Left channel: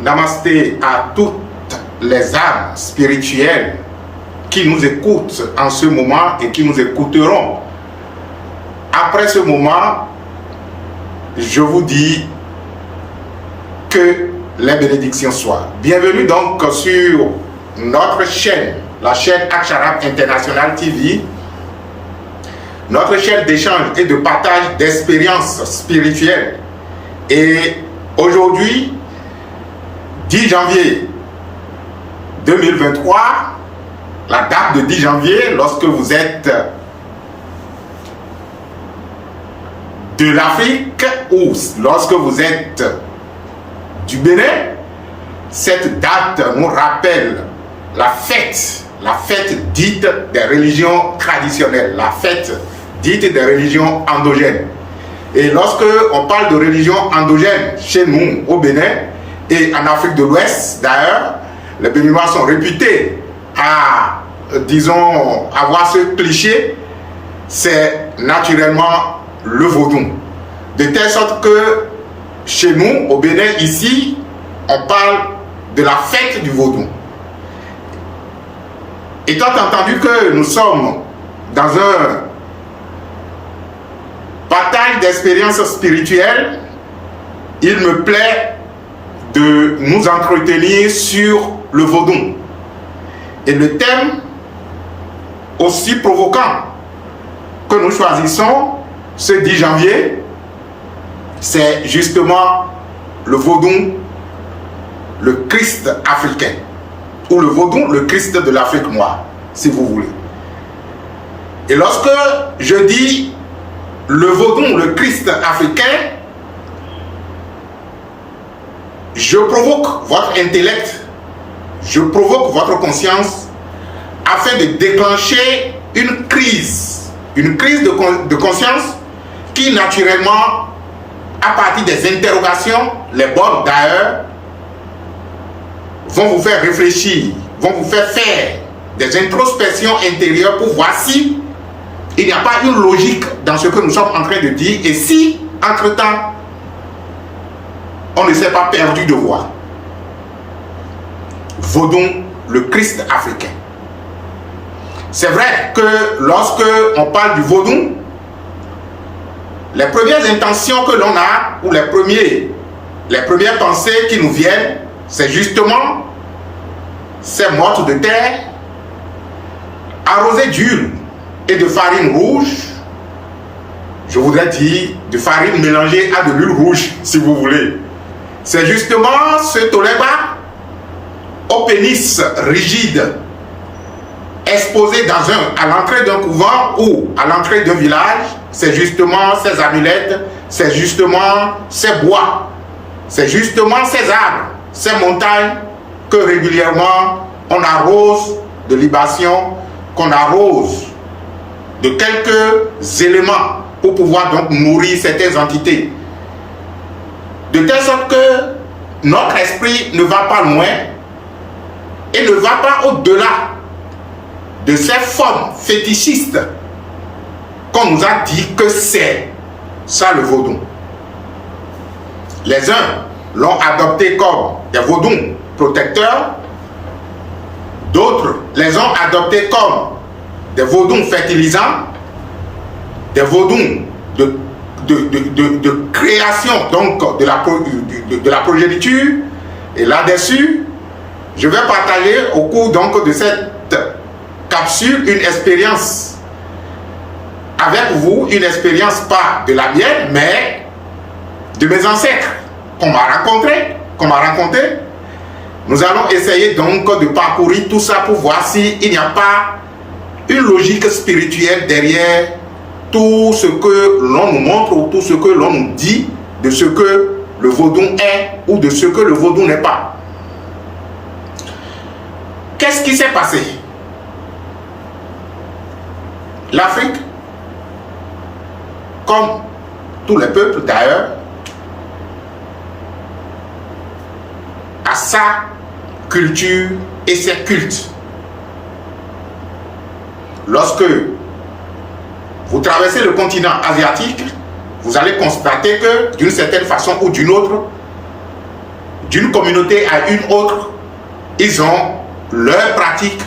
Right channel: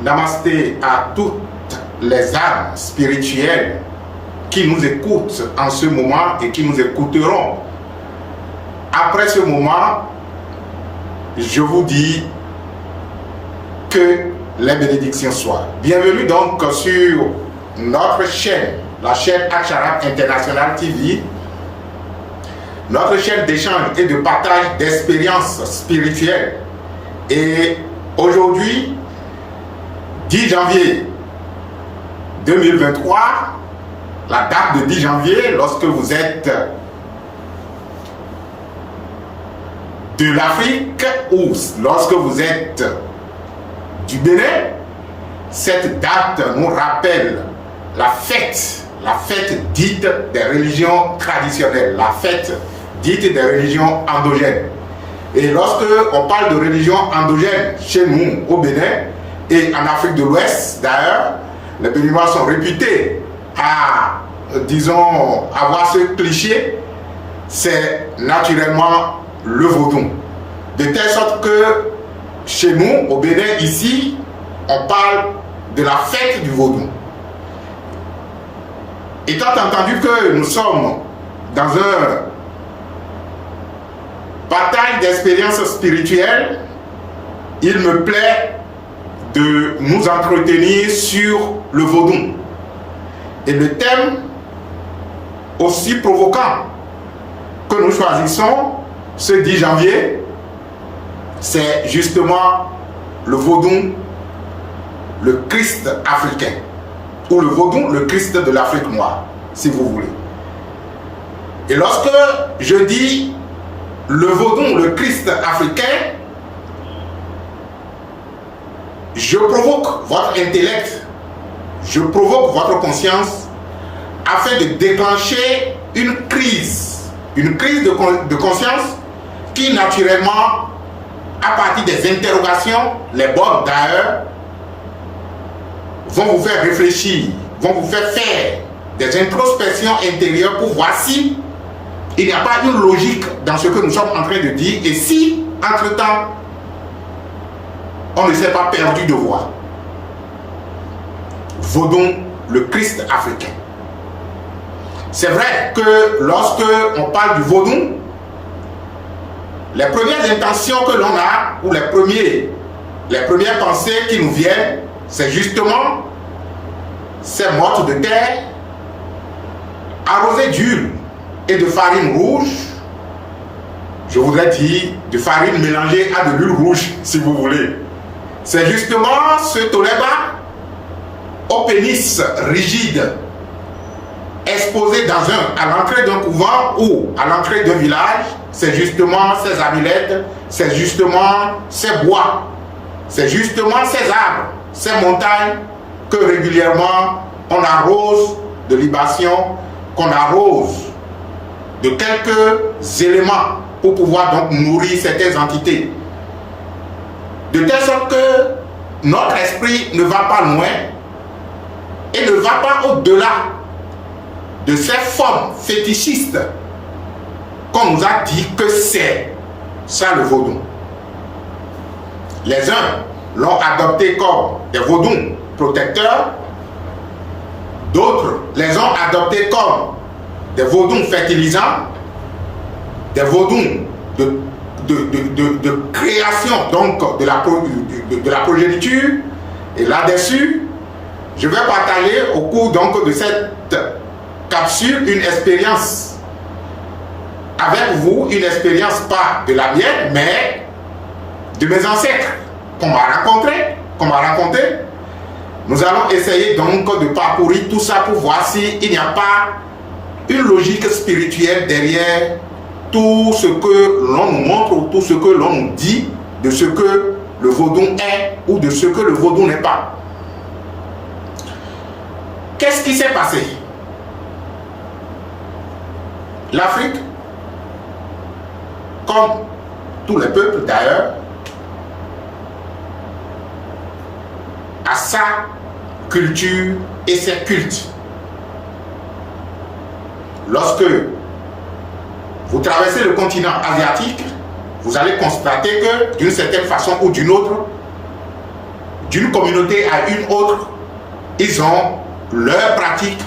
Namasté à toutes les âmes spirituelles qui nous écoutent en ce moment et qui nous écouteront. Après ce moment, je vous dis que les bénédictions soient. Bienvenue donc sur notre chaîne, la chaîne Aksharab International TV, notre chaîne d'échange et de partage d'expériences spirituelles. Et aujourd'hui, 10 janvier 2023, la date de 10 janvier, lorsque vous êtes de l'Afrique ou lorsque vous êtes du Bénin, cette date nous rappelle la fête dite des religions traditionnelles, la fête dite des religions endogènes. Et lorsque on parle de religion endogène chez nous au Bénin et en Afrique de l'Ouest d'ailleurs, les Béninois sont réputés à, disons, avoir ce cliché, c'est naturellement le vaudou. De telle sorte que chez nous, au Bénin, ici, on parle de la fête du vaudou. Étant entendu que nous sommes dans un partage d'expériences spirituelles, il me plaît de nous entretenir sur le vaudou. Et le thème aussi provoquant que nous choisissons ce 10 janvier, c'est justement le vaudou, le Christ africain, ou le vaudou, le Christ de l'Afrique noire, si vous voulez. Et lorsque je dis le vaudou, le Christ africain, je provoque votre intellect, je provoque votre conscience afin de déclencher une crise de conscience qui naturellement, à partir des interrogations, les bonnes d'ailleurs, vont vous faire réfléchir, vont vous faire des introspections intérieures pour voir si il n'y a pas une logique dans ce que nous sommes en train de dire et si, entre-temps, on ne s'est pas perdu de voix. Vaudou, le Christ africain. C'est vrai que lorsque on parle du vaudou, les premières intentions que l'on a, ou les premières pensées qui nous viennent, c'est justement ces mortes de terre, arrosées d'huile et de farine rouge, je voudrais dire de farine mélangée à de l'huile rouge, si vous voulez. C'est justement ce toléba au pénis rigide, exposé à l'entrée d'un couvent ou à l'entrée d'un village. C'est justement ces amulettes, c'est justement ces bois, c'est justement ces arbres, ces montagnes que régulièrement on arrose de libations, qu'on arrose de quelques éléments pour pouvoir donc nourrir certaines entités. De telle sorte que notre esprit ne va pas loin et ne va pas au-delà de ces formes fétichistes qu'on nous a dit que c'est ça le vaudou. Les uns l'ont adopté comme des vaudous protecteurs, d'autres les ont adoptés comme des vaudous fertilisants, des vaudous de création donc de la progéniture. Et là-dessus, je vais partager au cours donc de cette capsule une expérience avec vous, une expérience pas de la mienne, mais de mes ancêtres qu'on m'a raconté. Nous allons essayer donc de parcourir tout ça pour voir s'il n'y a pas une logique spirituelle derrière tout ce que l'on nous montre ou tout ce que l'on nous dit de ce que le vaudou est ou de ce que le vaudou n'est pas. Qu'est-ce qui s'est passé? L'Afrique, comme tous les peuples d'ailleurs, a sa culture et ses cultes. Lorsque vous traversez le continent asiatique, vous allez constater que d'une certaine façon ou d'une autre, d'une communauté à une autre, ils ont leurs pratiques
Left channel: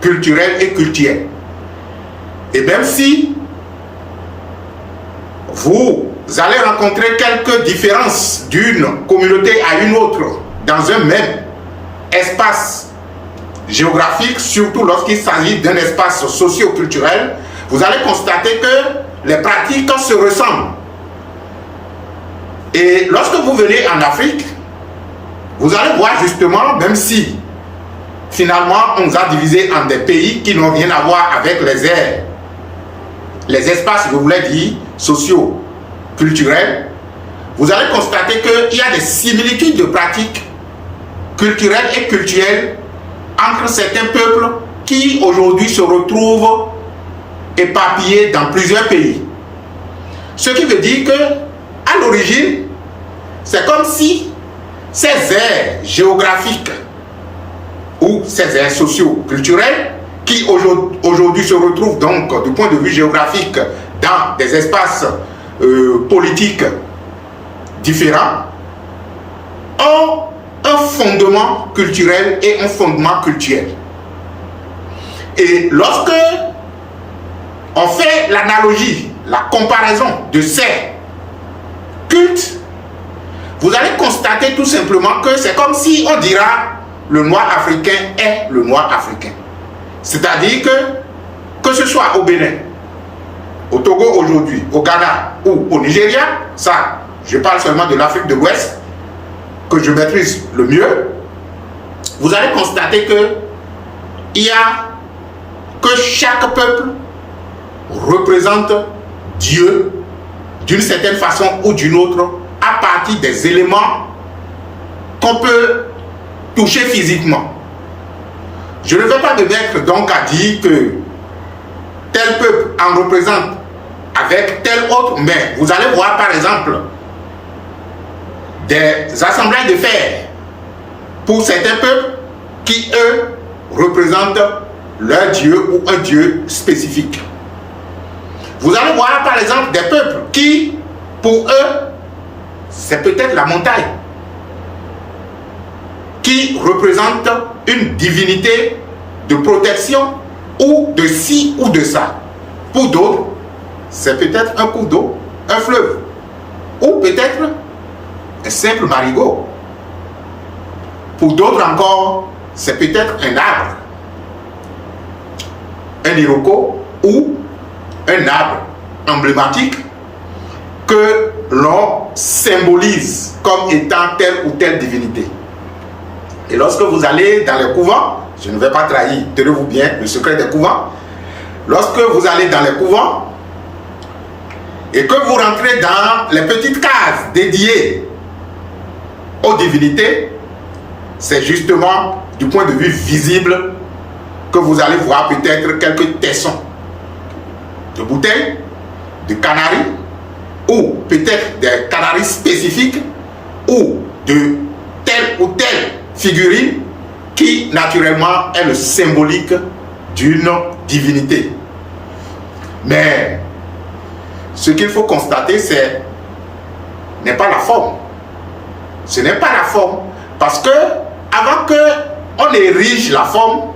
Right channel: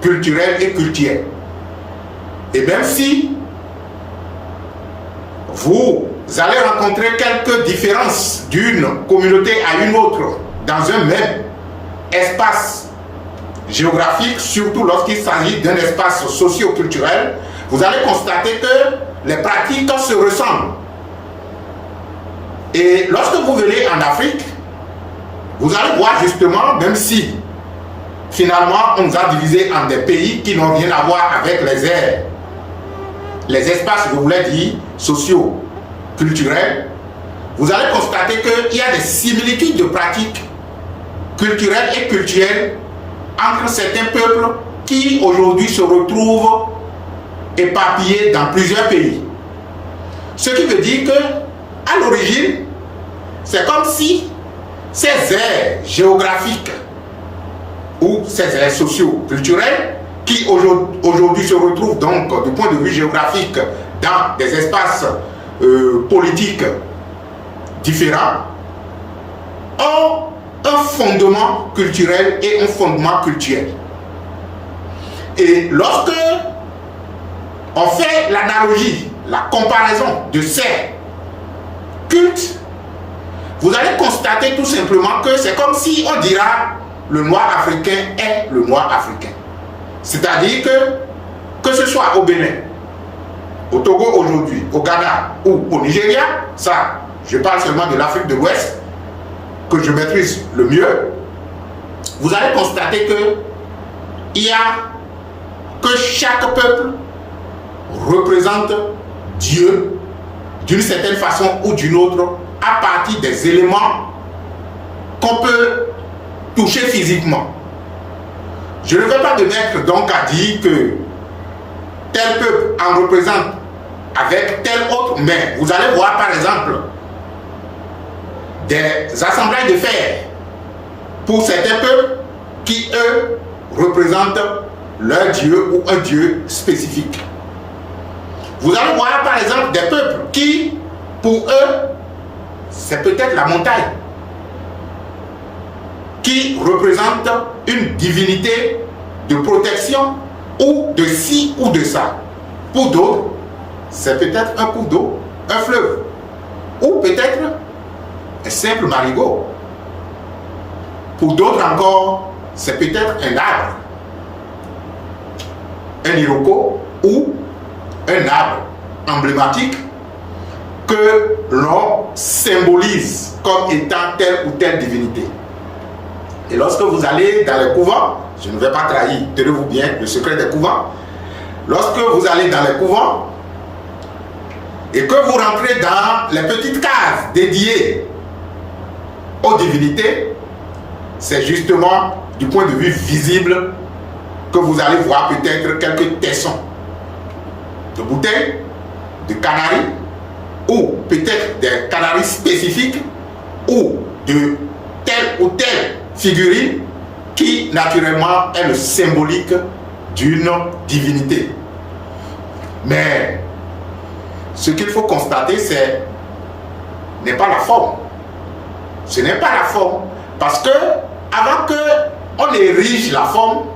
culturelles et cultuelles. Et même si vous allez rencontrer quelques différences d'une communauté à une autre dans un même espace géographique, surtout lorsqu'il s'agit d'un espace socio-culturel, vous allez constater que les pratiques se ressemblent. Et lorsque vous venez en Afrique, vous allez voir justement, même si finalement on nous a divisés en des pays qui n'ont rien à voir avec les aires, les espaces, je voulais dire, sociaux, culturels, vous allez constater qu'il y a des similitudes de pratiques culturelles et culturelles entre certains peuples qui aujourd'hui se retrouvent éparpillés dans plusieurs pays. Ce qui veut dire que, à l'origine, c'est comme si ces aires géographiques ou ces aires socio-culturelles qui aujourd'hui se retrouvent donc du point de vue géographique dans des espaces politiques différents ont un fondement culturel et un fondement culturel. Et lorsque on fait l'analogie, la comparaison de ces cultes, vous allez constater tout simplement que c'est comme si on dira le noir africain est le noir africain. C'est-à-dire que ce soit au Bénin, au Togo aujourd'hui, au Ghana ou au Nigeria, ça, je parle seulement de l'Afrique de l'Ouest, que je maîtrise le mieux, vous allez constater que chaque peuple représente Dieu d'une certaine façon ou d'une autre à partir des éléments qu'on peut toucher physiquement. Je ne vais pas me mettre donc à dire que tel peuple en représente avec tel autre, mais vous allez voir par exemple des assemblages de fer pour certains peuples qui, eux, représentent leur Dieu ou un Dieu spécifique. Vous allez voir par exemple des peuples qui, pour eux, c'est peut-être la montagne qui représente une divinité de protection ou de ci ou de ça. Pour d'autres, c'est peut-être un cours d'eau, un fleuve, ou peut-être un simple marigot. Pour d'autres encore, c'est peut-être un arbre, un iroko ou un arbre emblématique que l'on symbolise comme étant telle ou telle divinité. Et lorsque vous allez dans les couvents, je ne vais pas trahir, tenez-vous bien, le secret des couvents, lorsque vous allez dans les couvents et que vous rentrez dans les petites cases dédiées aux divinités, c'est justement du point de vue visible que vous allez voir peut-être quelques tessons de bouteilles, de canaries, ou peut-être des canaries spécifiques, ou de telle ou telle figurine qui naturellement est le symbolique d'une divinité. Mais ce qu'il faut constater, n'est pas la forme. Ce n'est pas la forme. Parce que avant qu'on érige la forme,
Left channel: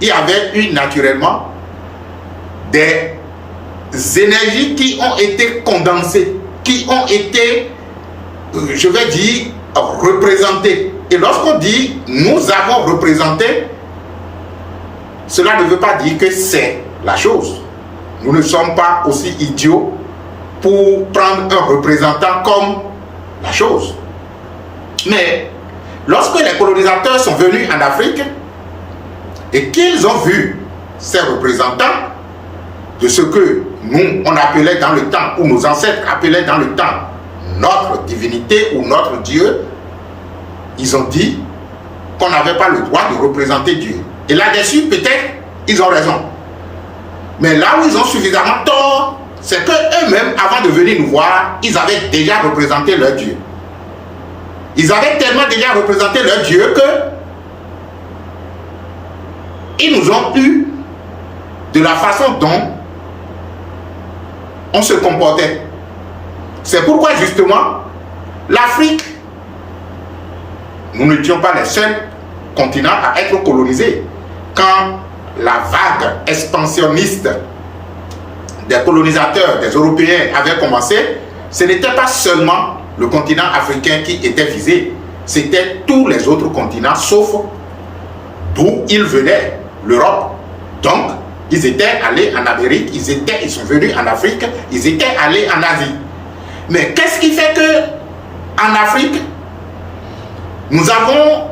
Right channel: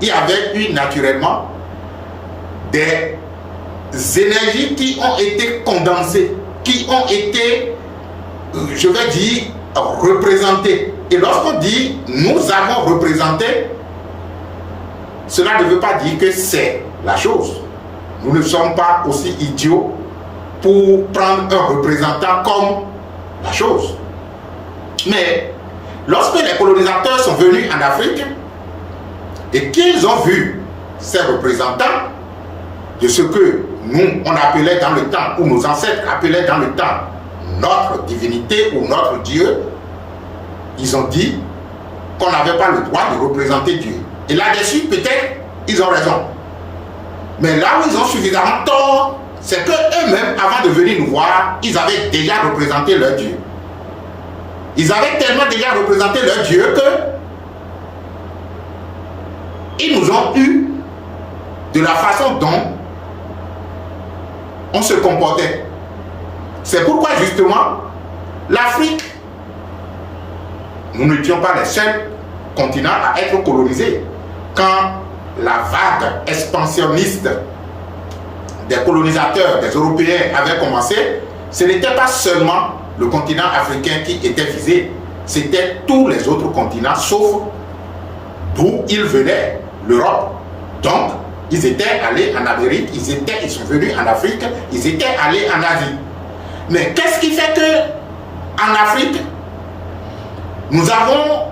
il y avait eu naturellement des énergies qui ont été condensées, qui ont été, je vais dire, représentées. Et lorsqu'on dit nous avons représenté, cela ne veut pas dire que c'est la chose. Nous ne sommes pas aussi idiots pour prendre un représentant comme la chose. Mais lorsque les colonisateurs sont venus en Afrique et qu'ils ont vu ces représentants de ce que nous, on appelait dans le temps, ou nos ancêtres appelaient dans le temps, notre divinité ou notre Dieu, ils ont dit qu'on n'avait pas le droit de représenter Dieu. Et là-dessus, peut-être, ils ont raison. Mais là où ils ont suffisamment tort, c'est qu'eux-mêmes, avant de venir nous voir, ils avaient déjà représenté leur Dieu. Ils avaient tellement déjà représenté leur Dieu que ils nous ont eu de la façon dont on se comportait. C'est pourquoi justement l'Afrique nous n'étions pas les seuls continents à être colonisés. Quand la vague expansionniste des colonisateurs, des Européens avait commencé, ce n'était pas seulement le continent africain qui était visé, c'était tous les autres continents, sauf d'où ils venaient, l'Europe. Donc, ils étaient allés en Amérique, ils sont venus en Afrique, ils étaient allés en Asie. Mais qu'est-ce qui fait que en Afrique, nous avons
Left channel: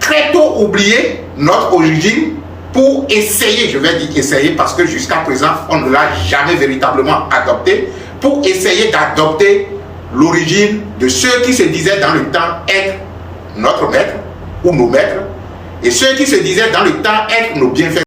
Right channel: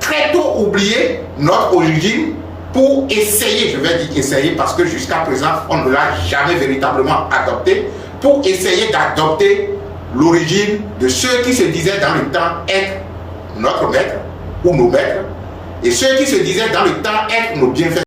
très tôt oublié notre origine pour essayer, je vais dire essayer parce que jusqu'à présent, on ne l'a jamais véritablement adopté, pour essayer d'adopter l'origine de ceux qui se disaient dans le temps être notre maître ou nos maîtres, et ceux qui se disaient dans le temps être nos bienfaiteurs.